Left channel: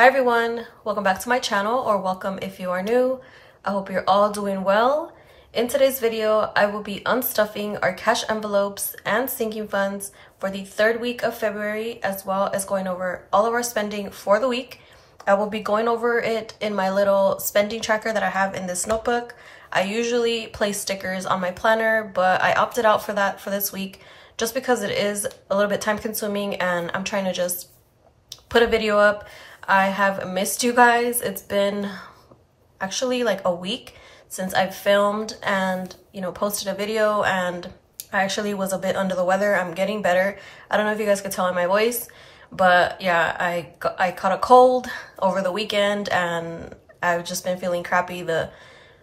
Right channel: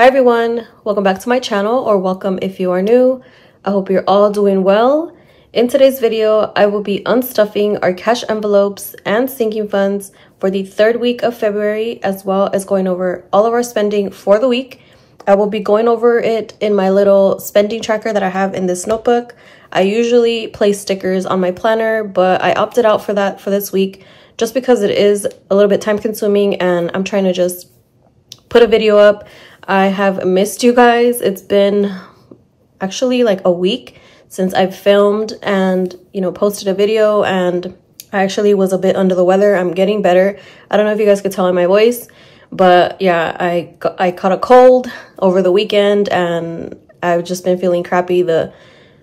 Hi everyone, welcome back to my channel, or welcome if you are new. I hope you're all doing well. In today's video, I will be unstuffing our cash envelopes and sinking funds for the third week of February, as well as going over all of our spending for the week. I will be going over it in my little spending tracker that I have in this notebook. I usually place stickers on my planner, but I opted out for that for this week just because it is a little bit time consuming and I'm trying to just put a video up. I have missed you guys. It's been actually like a week since I've filmed and, posted a video, and I actually was a bit under the weather. I'm getting better. I don't know if you guys could tell in my voice, but yeah, I caught a cold over the weekend and I've just been feeling crappy the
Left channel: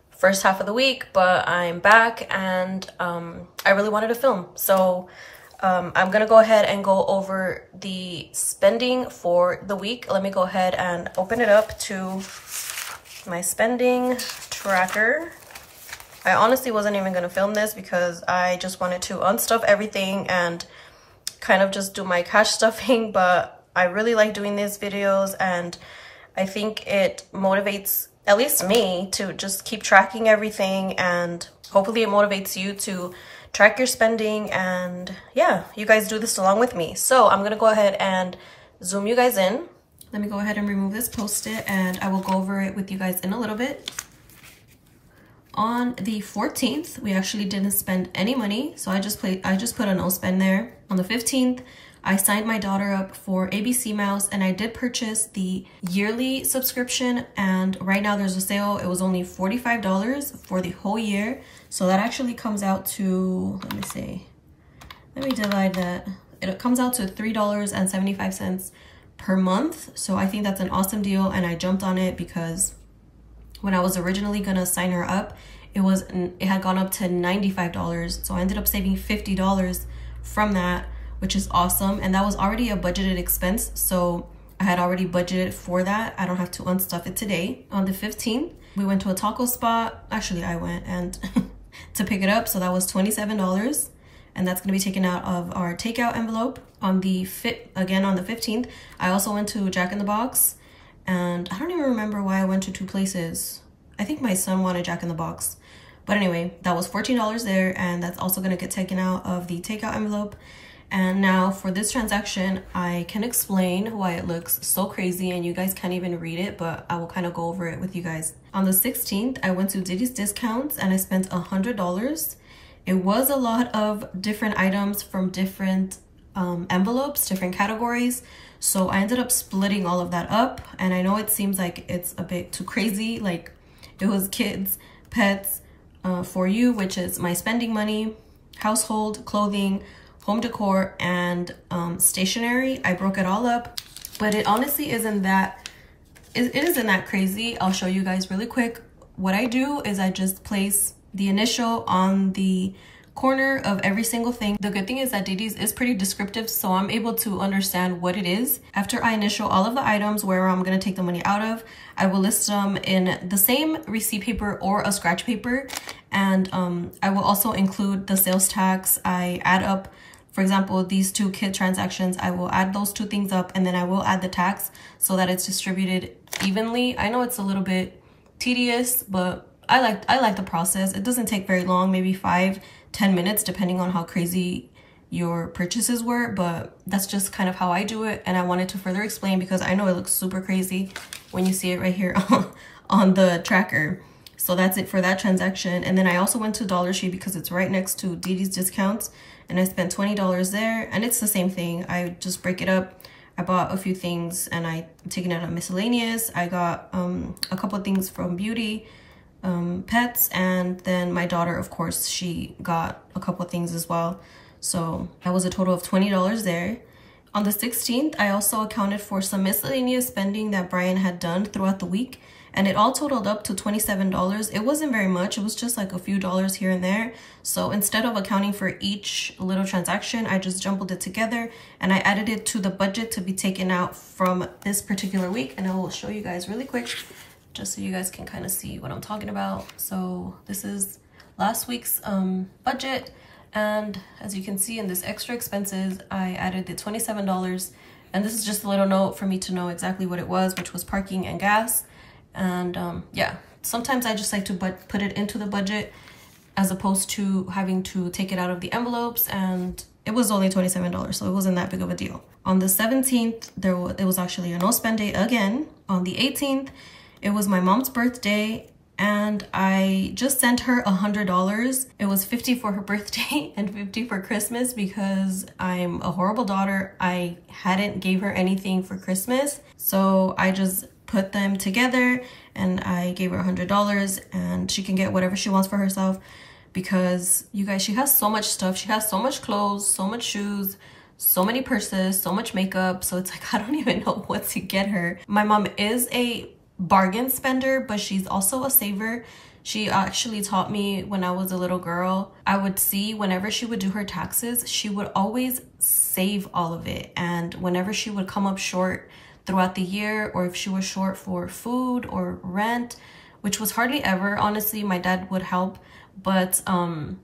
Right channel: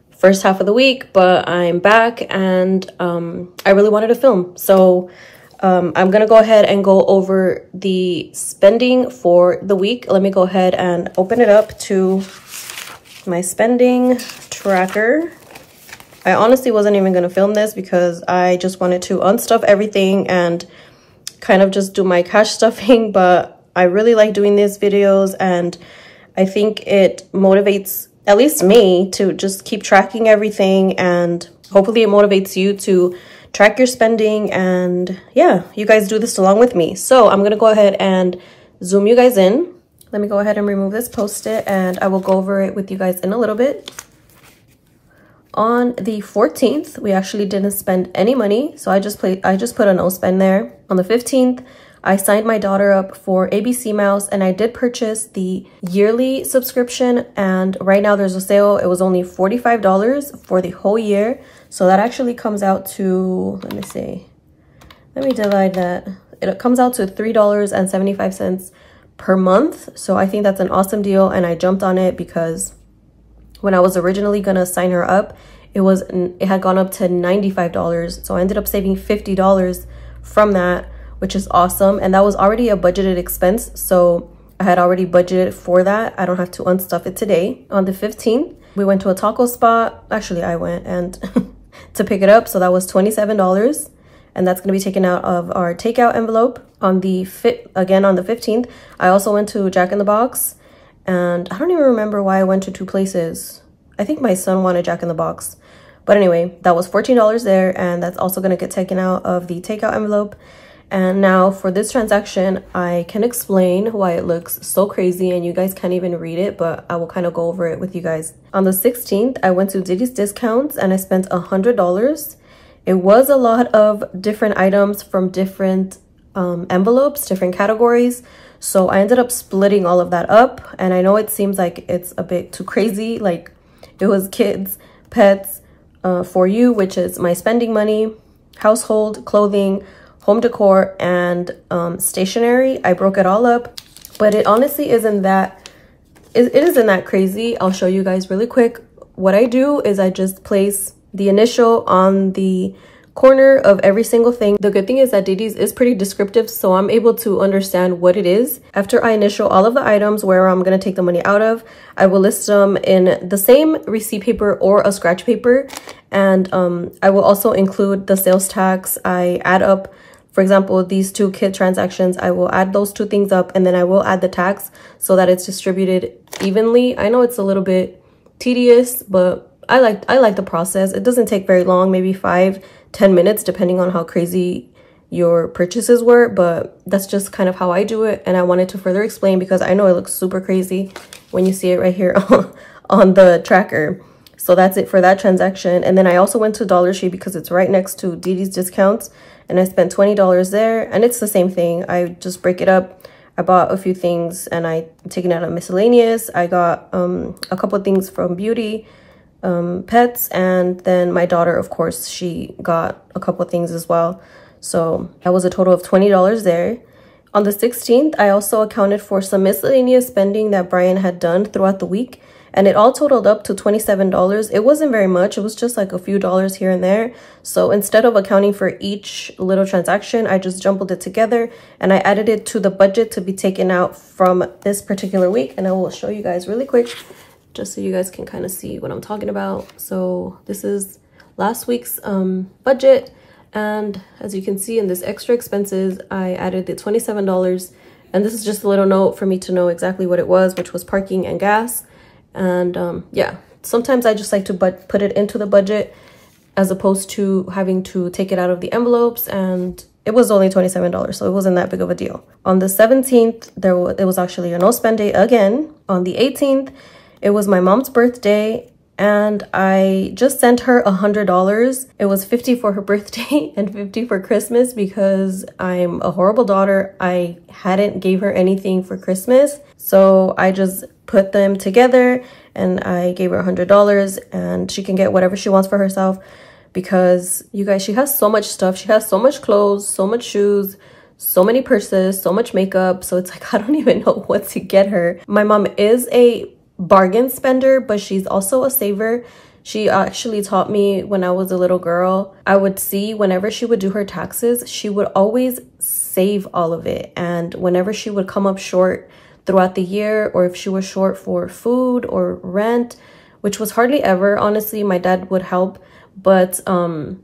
first half of the week, but I'm back and I really wanted to film. So I'm gonna go ahead and go over the spending for the week. Let me go ahead and open it up to my spending tracker. I honestly wasn't even gonna film this because I just wanted to unstuff everything and kind of just do my cash stuffing, but I really like doing these videos and I think it motivates at least me to just keep tracking everything, and hopefully it motivates you to track your spending, and yeah, you guys do this along with me. So I'm gonna go ahead and zoom you guys in. Let me go ahead and remove this post-it and I will go over it with you guys in a little bit. On the 14th, we actually didn't spend any money, so I just put a no spend there. On the 15th, I signed my daughter up for ABC Mouse and I did purchase the yearly subscription, and right now there's a sale. It was only $45 for the whole year. So that actually comes out to, let me divide that. It comes out to $3.75 per month. So I think that's an awesome deal, and I jumped on it because when I was originally gonna sign her up, it had gone up to $95. So I ended up saving $50 from that, which is awesome. And that was already a budgeted expense, so I had already budgeted for that. I don't have to unstuff it today. On the 15th, we went to a taco spot. Actually, I went and to pick it up, so that was $27, and that's going to be taken out of our takeout envelope. On the 15th, I also went to Jack in the Box, and I don't even remember why I went to two places. I think my son wanted Jack in the Box, but anyway, that was $14 there, and that's also going to get taken out of the takeout envelope. And now for this transaction, I can explain why it looks so crazy and you guys can't even read it, but I will kind of go over it with you guys. On the 16th, I went to Diddy's Discounts and I spent $100. It was a lot of different items from different envelopes, different categories. So I ended up splitting all of that up, and I know it seems like it's a bit too crazy. Like, it was kids, pets, for you, which is my spending money, household, clothing, home decor, and stationery. I broke it all up, but it honestly isn't that crazy. I'll show you guys really quick. What I do is I just place the initial on the corner of every single thing. The good thing is that Diddy's is pretty descriptive, so I'm able to understand what it is. After I initial all of the items where I'm gonna take the money out of, I will list them in the same receipt paper or a scratch paper, and I will also include the sales tax. I add up, for example, these two kit transactions, I will add those two things up, and then I will add the tax so that it's distributed evenly. I know it's a little bit tedious, but I like the process. It doesn't take very long, maybe 5-10 minutes, depending on how crazy your purchases were, but that's just kind of how I do it. And I wanted to further explain because I know it looks super crazy when you see it right here on the tracker. So that's it for that transaction. And then I also went to Dollar Tree because it's right next to Diddy's Discounts, and I spent $20 there, and it's the same thing. I just break it up. I bought a few things and I taken out of miscellaneous. I got a couple of things from beauty, pets, and then my daughter, of course, she got a couple of things as well. So that was a total of $20 there. On the 16th, I also accounted for some miscellaneous spending that Brian had done throughout the week, and it all totaled up to $27. It wasn't very much. It was just like a few dollars here and there. So instead of accounting for each little transaction, I just jumbled it together and I added it to the budget to be taken out from this particular week. And I will show you guys really quick, just so you guys can kind of see what I'm talking about. So this is last week's budget. And as you can see in this extra expenses, I added the $27 And this is just a little note for me to know exactly what it was, which was parking and gas. And yeah, sometimes I just like to put it into the budget as opposed to having to take it out of the envelopes. And it was only $27, so it wasn't that big of a deal. On the 17th, it was actually a no spend day again. On the 18th, it was my mom's birthday, and I just sent her $100. It was $50 for her birthday and $50 for Christmas because I'm a horrible daughter. I hadn't gave her anything for Christmas, so I just put them together and I gave her $100, and she can get whatever she wants for herself. Because you guys, she has so much stuff. She has so much clothes, so much shoes, so many purses, so much makeup. So it's like, I don't even know what to get her. My mom is a bargain spender, but she's also a saver. She actually taught me when I was a little girl. I would see whenever she would do her taxes, she would always save all of it. And whenever she would come up short throughout the year, or if she was short for food or rent, which was hardly ever, honestly, my dad would help. But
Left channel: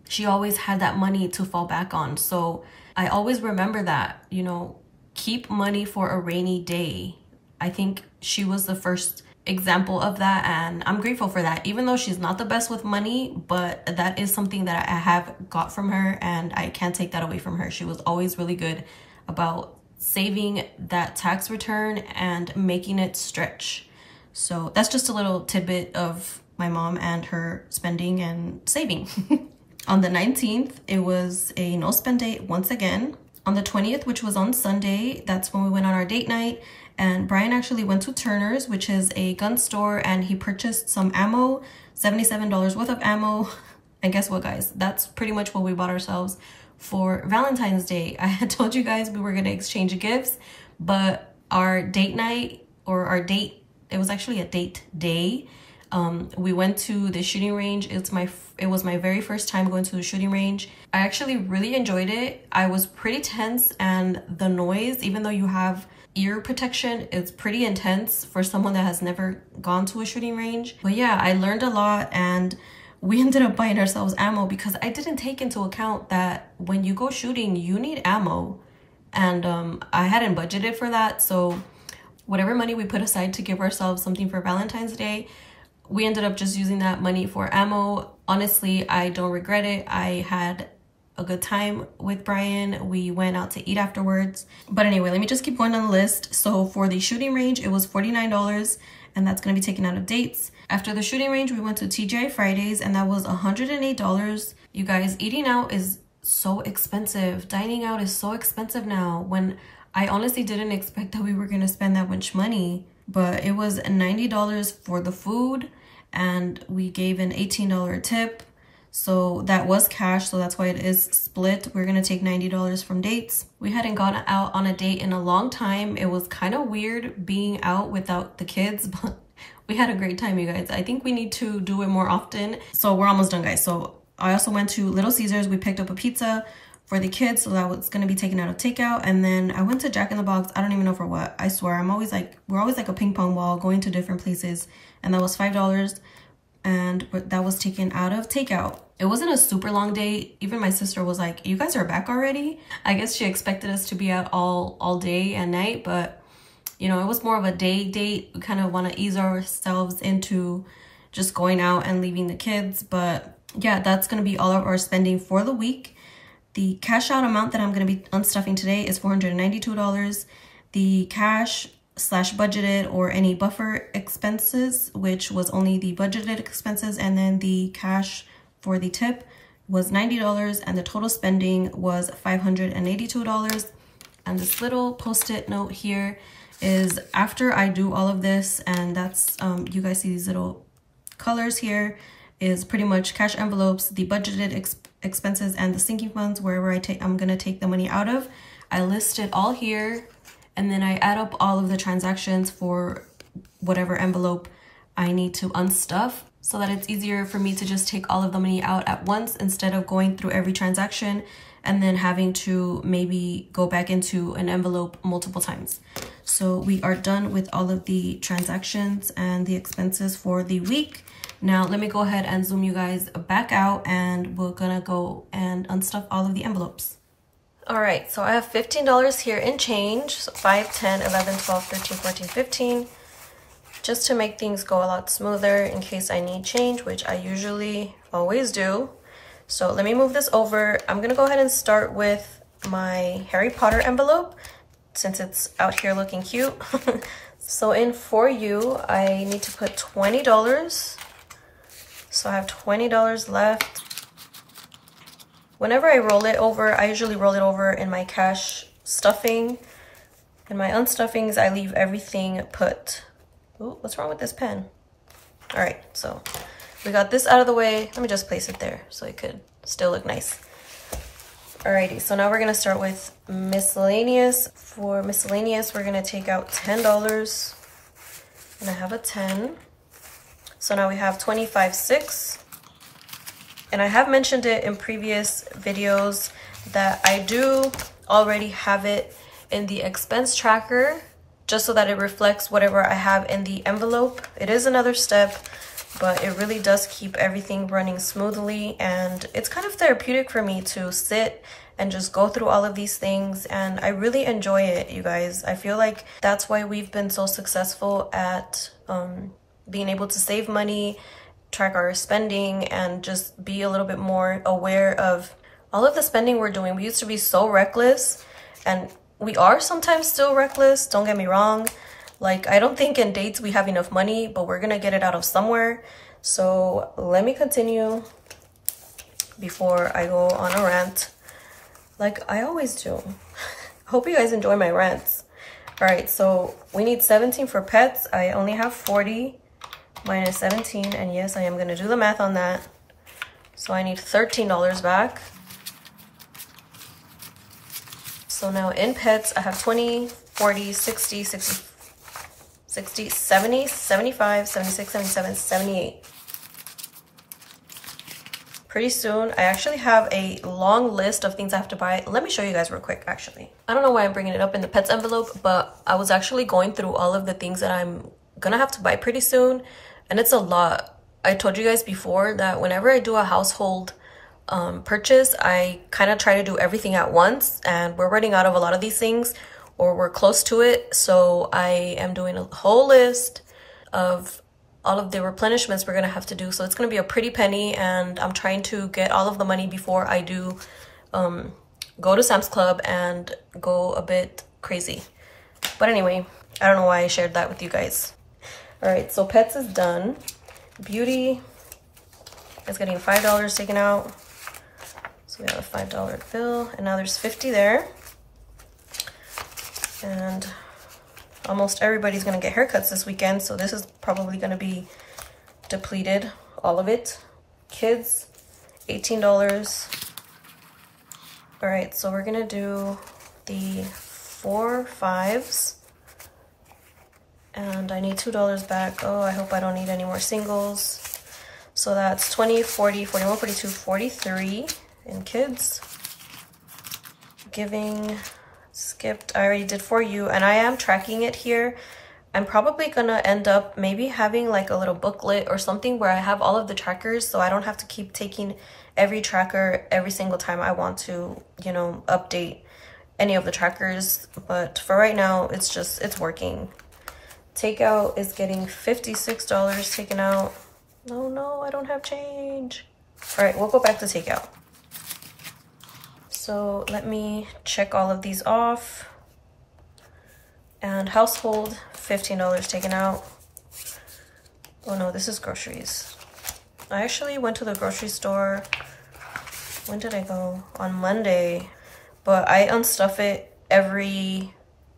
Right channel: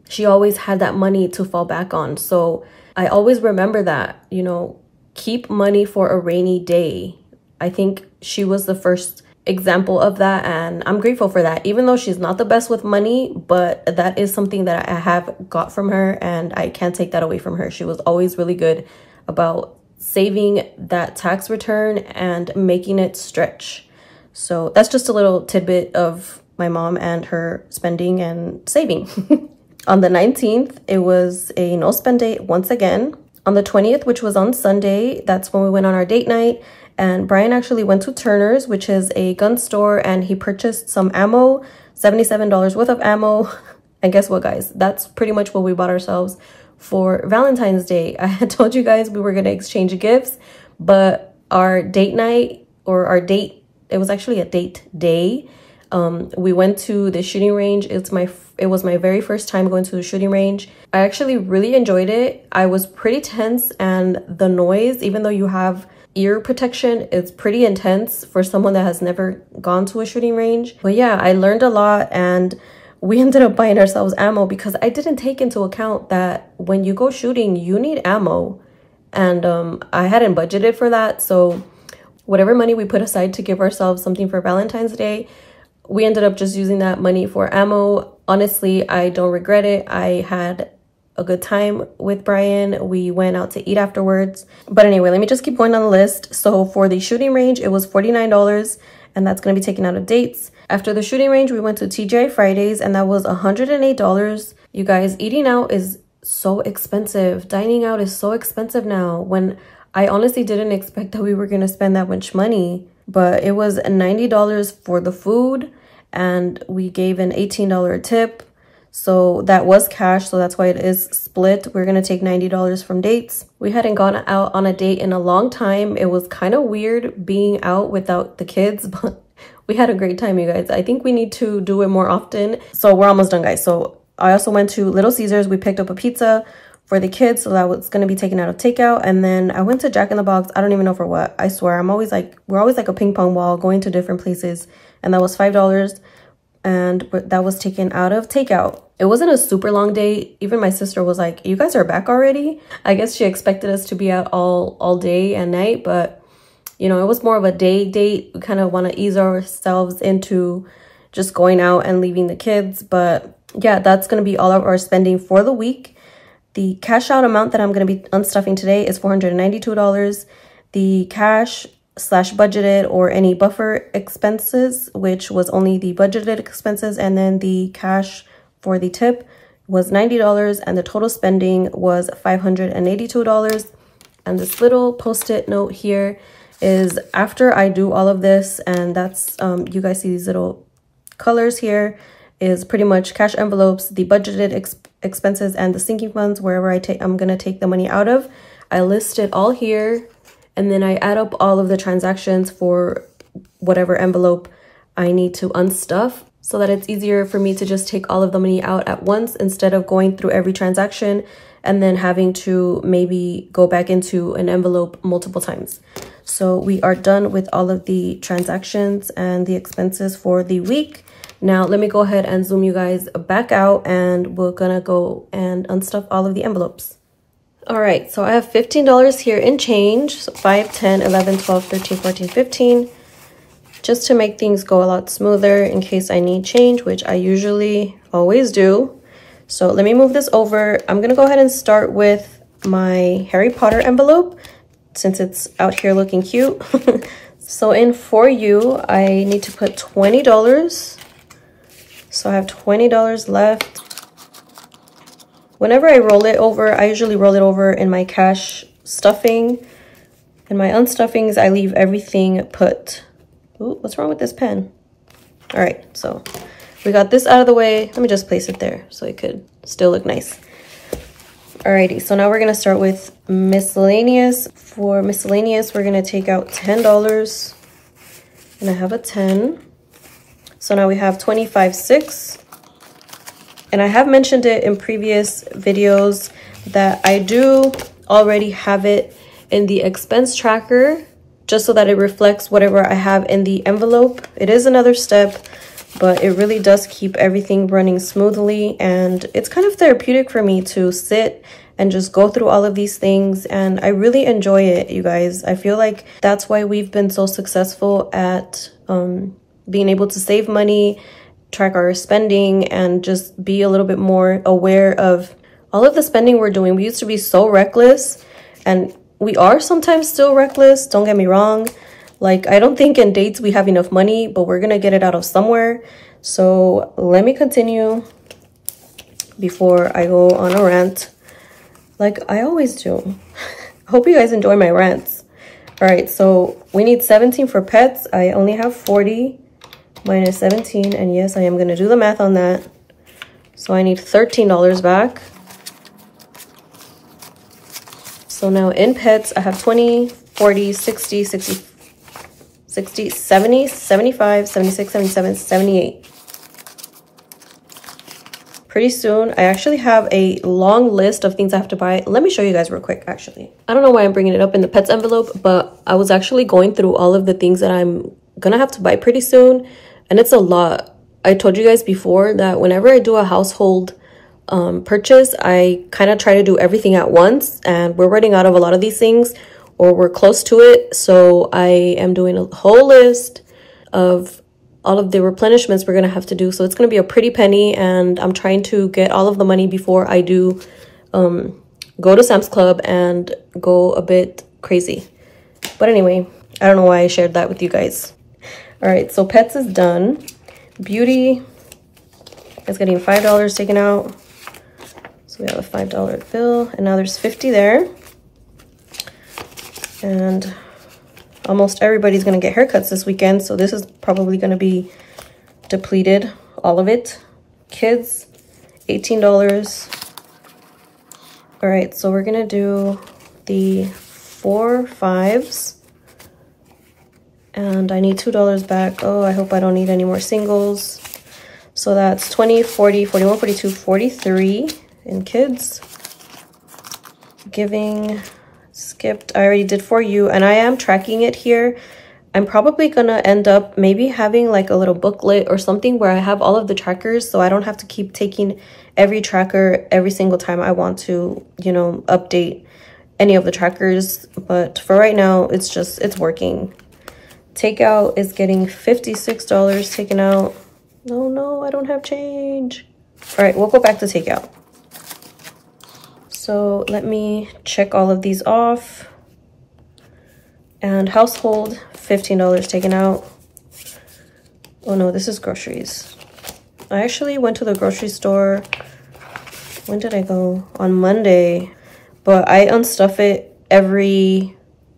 she always had that money to fall back on. So I always remember that, you know, keep money for a rainy day. I think she was the first example of that, and I'm grateful for that. Even though she's not the best with money, but that is something that I have got from her, and I can't take that away from her. She was always really good about saving that tax return and making it stretch. So that's just a little tidbit of my mom and her spending and saving. On the 19th, it was a no spend day once again. On the 20th, which was on Sunday, that's when we went on our date night. And Brian actually went to Turner's, which is a gun store, and he purchased some ammo, $77 worth of ammo. And guess what, guys? That's pretty much what we bought ourselves for Valentine's Day. I had told you guys we were going to exchange gifts, but our date night, or our date, it was actually a date day. We went to the shooting range. It was my very first time going to the shooting range. I actually really enjoyed it. I was pretty tense, and the noise, even though you have ear protection, it's pretty intense for someone that has never gone to a shooting range. But yeah, I learned a lot, and we ended up buying ourselves ammo because I didn't take into account that when you go shooting, you need ammo. And I hadn't budgeted for that. So whatever money we put aside to give ourselves something for Valentine's Day, we ended up just using that money for ammo. Honestly, I don't regret it. I had a good time with Brian. We went out to eat afterwards. But anyway, let me just keep going on the list. So for the shooting range, it was $49, and that's going to be taken out of dates. After the shooting range, we went to TGI Fridays, and that was $108. You guys, eating out is so expensive. Dining out is so expensive now, when I honestly didn't expect that we were going to spend that much money. But it was $90 for the food, and we gave an $18 tip. So that was cash, so that's why it is split. We're going to take $90 from dates. We hadn't gone out on a date in a long time. It was kind of weird being out without the kids, but we had a great time, you guys. I think we need to do it more often. So we're almost done, guys. So I also went to Little Caesars. We picked up a pizza for the kids, so that was going to be taken out of takeout. And then I went to Jack in the Box. I don't even know for what. I swear, we're always like a ping pong ball going to different places. And that was $5, and that was taken out of takeout. It wasn't a super long day. Even my sister was like, you guys are back already? I guess she expected us to be out all day and night, but you know, it was more of a day date. We kind of want to ease ourselves into just going out and leaving the kids. But yeah, that's going to be all of our spending for the week. The cash out amount that I'm going to be unstuffing today is $492. The cash / budgeted or any buffer expenses, which was only the budgeted expenses, and then the cash for the tip was $90, and the total spending was $582. And this little post-it note here is after I do all of this, and that's you guys see these little colors here, is pretty much cash envelopes, the budgeted expenses, and the sinking funds, wherever I'm gonna take the money out of. I list it all here, and then I add up all of the transactions for whatever envelope I need to unstuff, so that it's easier for me to just take all of the money out at once instead of going through every transaction and then having to maybe go back into an envelope multiple times. So we are done with all of the transactions and the expenses for the week. Now let me go ahead and zoom you guys back out, and we're gonna go and unstuff all of the envelopes. All right, so I have $15 here in change. So 5, 10, 11, 12, 13, 14, 15. Just to make things go a lot smoother in case I need change, which I usually always do. So let me move this over. I'm gonna go ahead and start with my Harry Potter envelope since it's out here looking cute. So in For You, I need to put $20. So I have $20 left. Whenever I roll it over, I usually roll it over in my cash stuffing. In my unstuffings, I leave everything put. Ooh, what's wrong with this pen? All right, so we got this out of the way. Let me just place it there so it could still look nice. Alrighty, so now we're gonna start with miscellaneous. For miscellaneous, we're gonna take out $10. And I have a 10. So now we have 25.6. And I have mentioned it in previous videos that I do already have it in the expense tracker just so that it reflects whatever I have in the envelope. It is another step, but it really does keep everything running smoothly. And it's kind of therapeutic for me to sit and just go through all of these things. And I really enjoy it, you guys. I feel like that's why we've been so successful at being able to save money, track our spending, and just be a little bit more aware of all of the spending we're doing. We used to be so reckless, and we are sometimes still reckless, don't get me wrong. Like, I don't think in dates we have enough money, but we're gonna get it out of somewhere. So let me continue before I go on a rant, like I always do. Hope you guys enjoy my rants. All right, so we need 17 for pets. I only have 40. Minus 17, and yes, I am gonna do the math on that. So I need $13 back. So now in pets, I have 20, 40, 60, 60, 60, 70, 75, 76, 77, 78. Pretty soon, I actually have a long list of things I have to buy. Let me show you guys real quick, actually. I don't know why I'm bringing it up in the pets envelope, but I was actually going through all of the things that I'm gonna have to buy pretty soon. And it's a lot. I told you guys before that whenever I do a household purchase, I kind of try to do everything at once, and we're running out of a lot of these things, or we're close to it. So I am doing a whole list of all of the replenishments we're gonna have to do. So it's gonna be a pretty penny, and I'm trying to get all of the money before I do go to Sam's Club and go a bit crazy. But anyway, I don't know why I shared that with you guys. All right, so pets is done. Beauty is getting $5 taken out. So we have a $5 bill, and now there's 50 there. And almost everybody's gonna get haircuts this weekend, so this is probably gonna be depleted, all of it. Kids, $18. All right, so we're gonna do the 4 5s. And I need $2 back. Oh, I hope I don't need any more singles. So that's 20, 40, 41, 42, 43 in kids. Giving, skipped. I already did For You, and I am tracking it here. I'm probably gonna end up maybe having like a little booklet or something where I have all of the trackers, so I don't have to keep taking every tracker every single time I want to, you know, update any of the trackers. But for right now, it's working. Takeout is getting $56 taken out. Oh no, I don't have change. All right, we'll go back to takeout. So let me check all of these off. And household, $15 taken out. Oh no, this is groceries. I actually went to the grocery store. When did I go? On Monday. But I unstuff it every,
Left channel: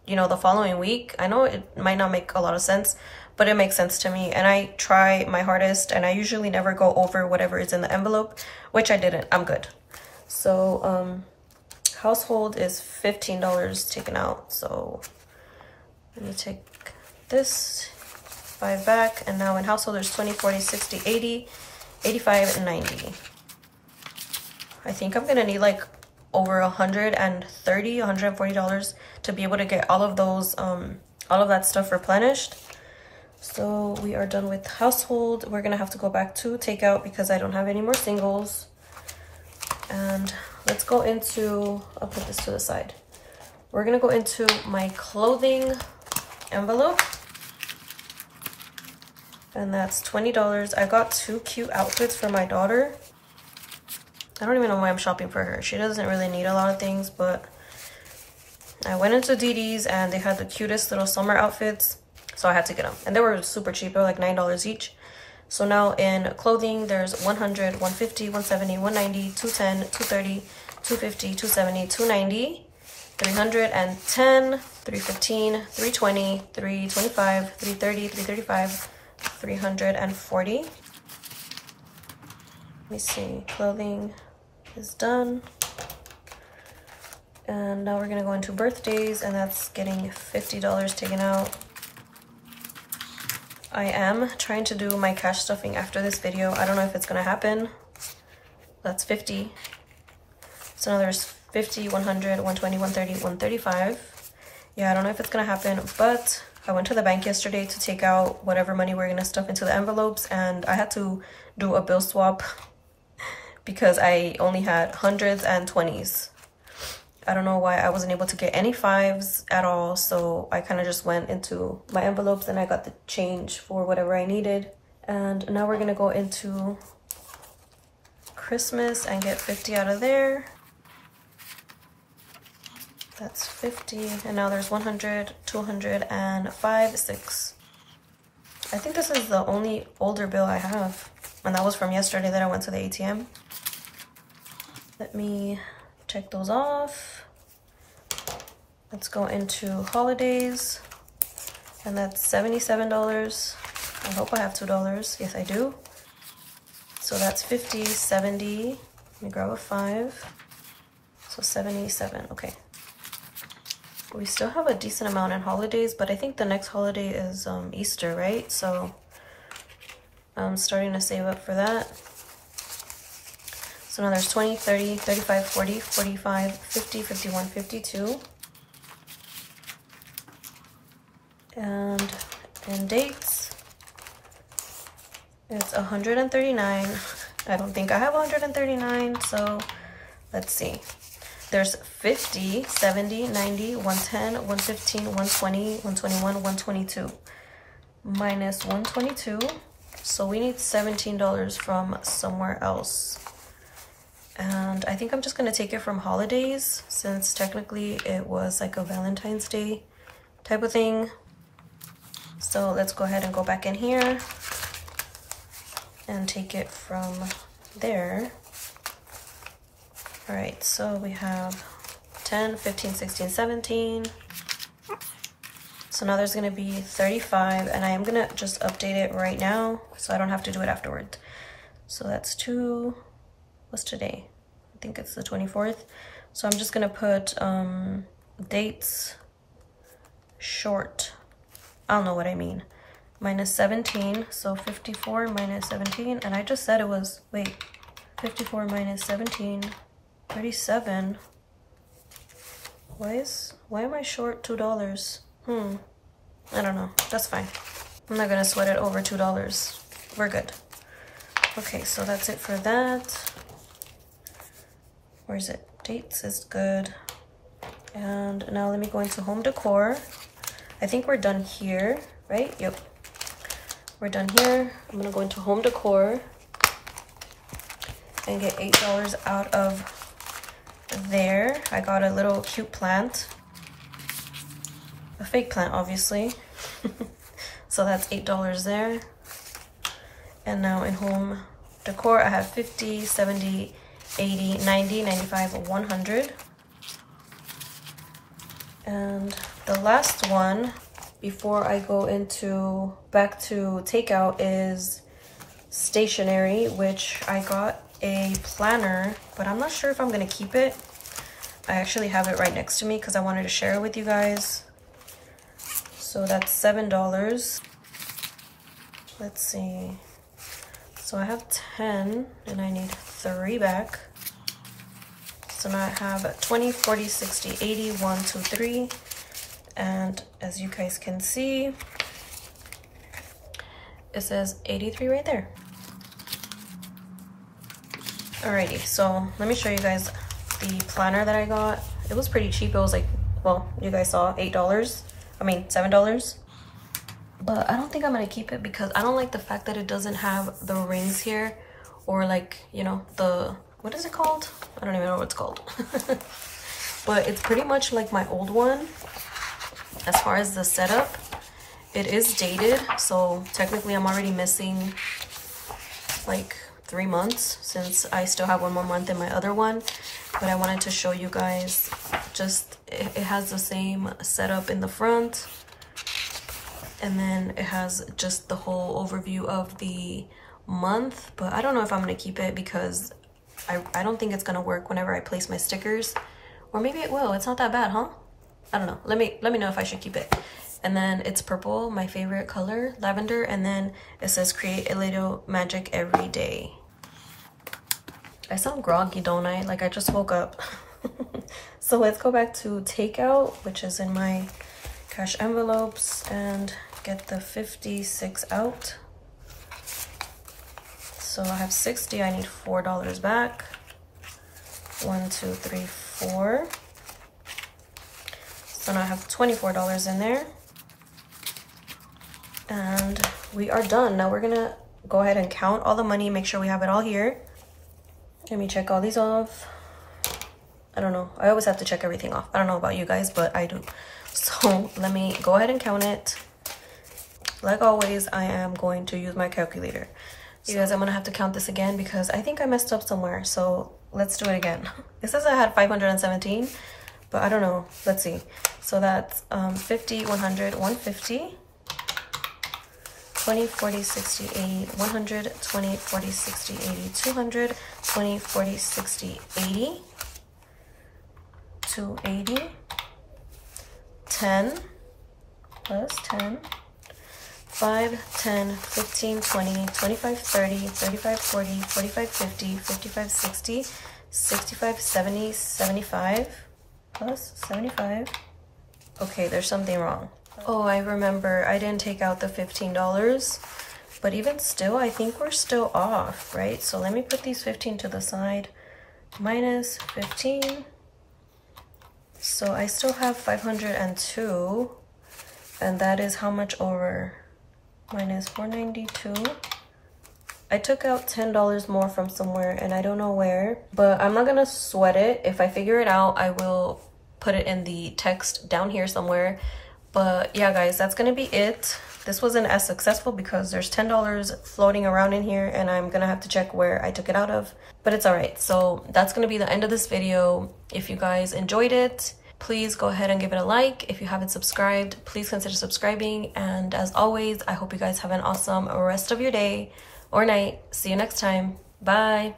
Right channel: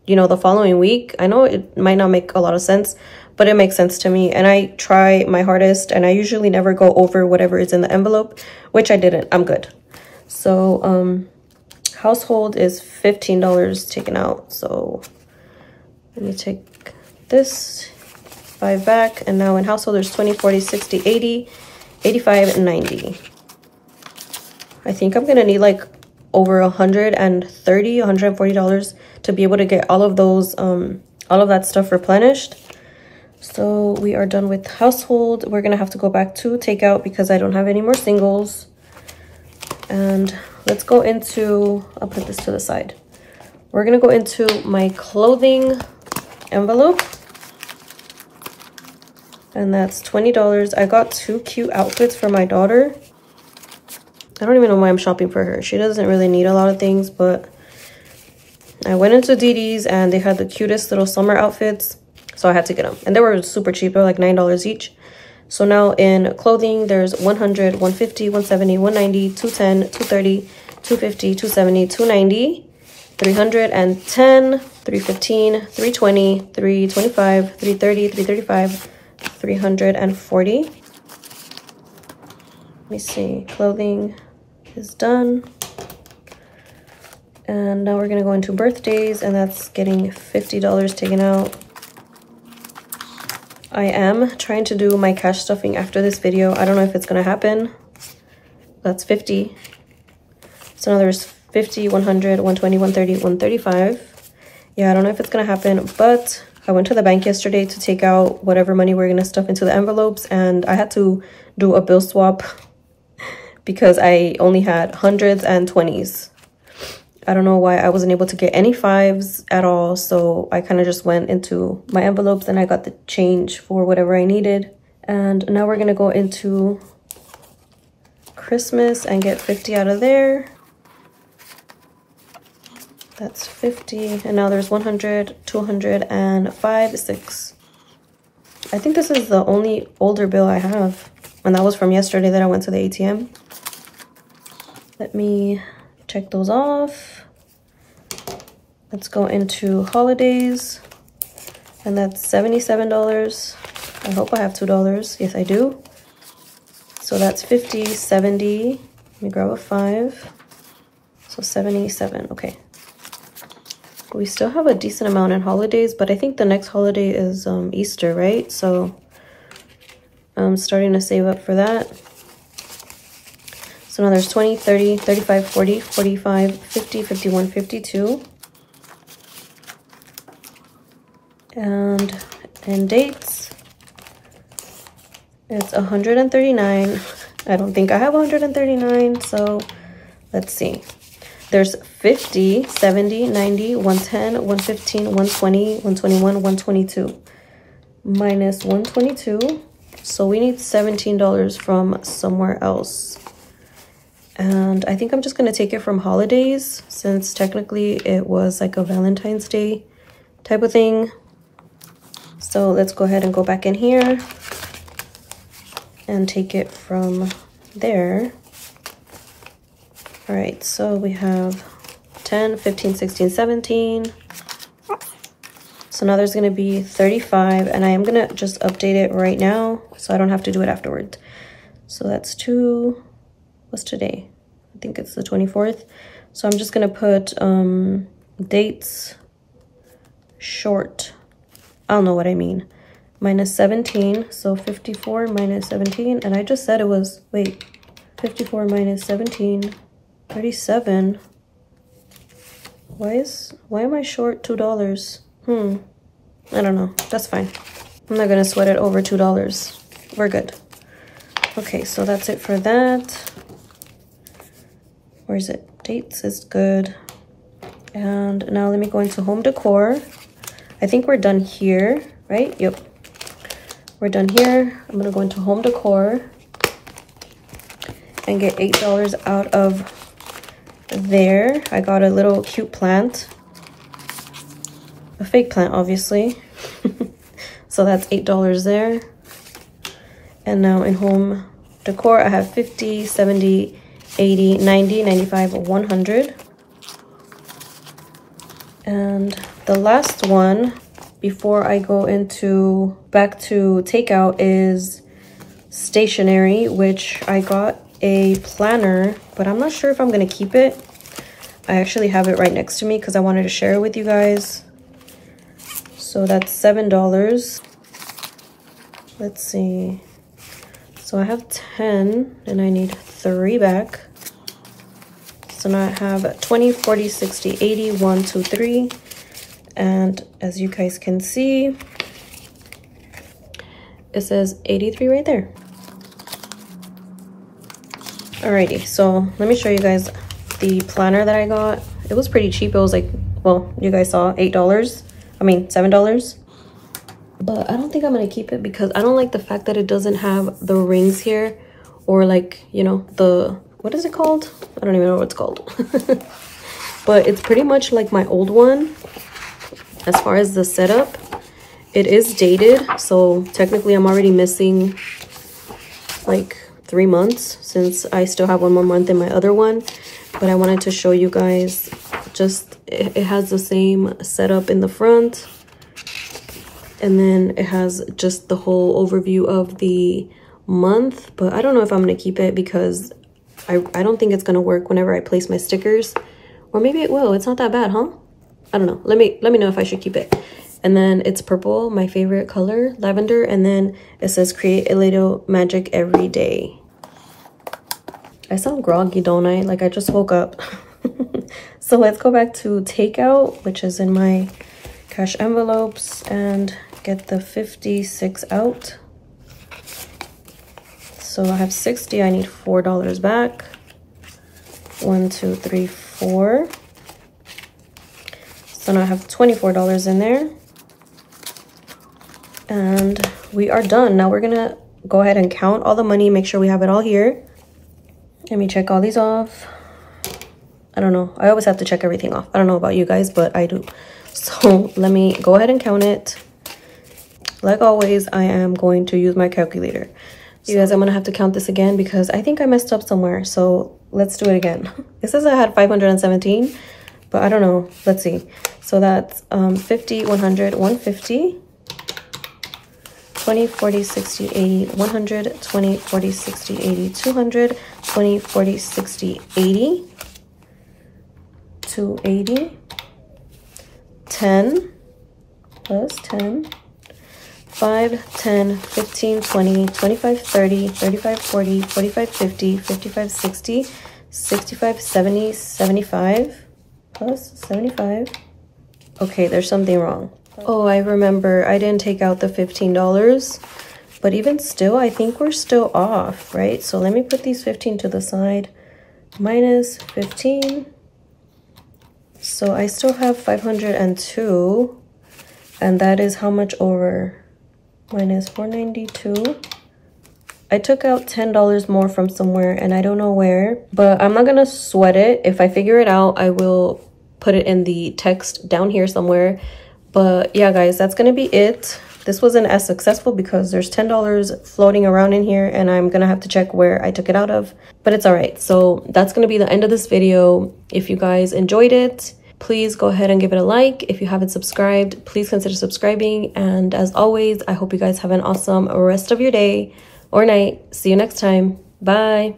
you know, the following week. I know it might not make a lot of sense, but it makes sense to me. And I try my hardest, and I usually never go over whatever is in the envelope, which I didn't. I'm good. So household is $15 taken out. So let me take this 5 back, and now in household there's 20, 40, 60, 80, 85, and 90. I think I'm gonna need like over $130, $140 to be able to get all of those, all of that stuff replenished. So we are done with household. We're gonna have to go back to takeout because I don't have any more singles. And let's go into, I'll put this to the side. We're gonna go into my clothing envelope. And that's $20. I got 2 cute outfits for my daughter. I don't even know why I'm shopping for her. She doesn't really need a lot of things, but I went into DD's and they had the cutest little summer outfits. So I had to get them. And they were super cheap. They were like $9 each. So now in clothing, there's 100, 150, 170, 190, 210, 230, 250, 270, 290, 310, 315, 320, 325, 330, 335, 340. Let me see. Clothing is done. And now we're gonna go into birthdays, and that's getting $50 taken out. I am trying to do my cash stuffing after this video. I don't know if it's gonna happen. That's 50. So now there's 50, 100, 120, 130, 135. Yeah, I don't know if it's gonna happen, but I went to the bank yesterday to take out whatever money we're gonna stuff into the envelopes, and I had to do a bill swap because I only had hundreds and 20s. I don't know why I wasn't able to get any 5s at all, so I kind of just went into my envelopes and I got the change for whatever I needed. And now we're gonna go into Christmas and get 50 out of there. That's 50, and now there's 100, 200, and 5, 6. I think this is the only older bill I have, and that was from yesterday that I went to the ATM. Let me check those off. Let's go into holidays, and that's $77. I hope I have $2. Yes, I do. So that's 50, 70. Let me grab a 5. So 77, okay. We still have a decent amount in holidays, but I think the next holiday is Easter, right? So I'm starting to save up for that. So now there's 20, 30, 35, 40, 45, 50, 51, 52. And in dates, it's 139. I don't think I have 139, so let's see. There's 50, 70, 90, 110, 115, 120, 121, 122. Minus 122. So we need $17 from somewhere else. And I think I'm just going to take it from holidays, since technically it was like a Valentine's Day type of thing. So let's go ahead and go back in here and take it from there. All right, so we have 10, 15, 16, 17. So now there's gonna be 35, and I am gonna just update it right now so I don't have to do it afterwards. So that's what's today? I think it's the 24th. So I'm just gonna put dates short. I don't know what I mean. Minus 17, so 54 minus 17, and I just said it was, wait, 54 minus 17. 37. Why am I short $2? I don't know. That's fine. I'm not gonna sweat it over $2. We're good. Okay, so that's it for that. Where is it? Dates is good. And now let me go into home decor. I think we're done here, right? Yep. We're done here. I'm gonna go into home decor and get $8 out of there. I got a little cute plant, a fake plant obviously. So that's $8 there. And now in home decor I have 50, 70, 80, 90, 95, 100. And the last one before I go into back to takeout is stationery, which I got a planner, but I'm not sure if I'm gonna keep it. I actually have it right next to me because I wanted to share it with you guys. So that's $7. Let's see. So I have 10 and I need 3 back. So now I have 20, 40, 60, 80, 1, 2, 3. And as you guys can see, it says 83 right there. Alrighty, so let me show you guys the planner that I got. It was pretty cheap. It was like, well, you guys saw $8. I mean, $7. But I don't think I'm gonna keep it because I don't like the fact that it doesn't have the rings here, or like, you know, the, what is it called? I don't even know what it's called. But it's pretty much like my old one. As far as the setup, it is dated, so technically I'm already missing like 3 months since I still have 1 more month in my other one. But I wanted to show you guys, just it has the same setup in the front, and then it has just the whole overview of the month. But I don't know if I'm gonna keep it because I don't think it's gonna work whenever I place my stickers, or maybe it will. It's not that bad, huh? I don't know. Let me know if I should keep it. And then it's purple, my favorite color, lavender, and then it says create a little magic every day. I sound groggy, don't I? Like I just woke up. So let's go back to takeout, which is in my cash envelopes, and get the 56 out. So I have 60, I need $4 back. 1, 2, 3, 4. So now I have $24 in there. And we are done. Now we're gonna go ahead and count all the money, make sure we have it all here. Let me check all these off. I don't know, I always have to check everything off. I don't know about you guys, but I do. So let me go ahead and count it. Like always, I am going to use my calculator. You guys, I'm gonna have to count this again because I think I messed up somewhere. So let's do it again. It says I had 517, but I don't know. Let's see. So that's 50, 100, 150. 20, 40, 60, 80, 100, 20, 40, 60, 80, 200, 20, 40, 60, 80, 280, 10, plus 10, 5, 10, 15, 20, 25, 30, 35, 40, 45, 50, 55, 60, 65, 70, 75, plus 75. Okay, there's something wrong. Oh, I remember I didn't take out the $15, but even still, I think we're still off, right? So let me put these 15 to the side, minus 15. So I still have 502, and that is how much over? Minus 492. I took out $10 more from somewhere, and I don't know where, but I'm not gonna sweat it. If I figure it out, I will put it in the text down here somewhere. But yeah, guys, that's gonna be it. This wasn't as successful because there's $10 floating around in here, and I'm gonna have to check where I took it out of, but it's all right. So that's gonna be the end of this video. If you guys enjoyed it, please go ahead and give it a like. If you haven't subscribed, please consider subscribing. And as always, I hope you guys have an awesome rest of your day or night. See you next time. Bye.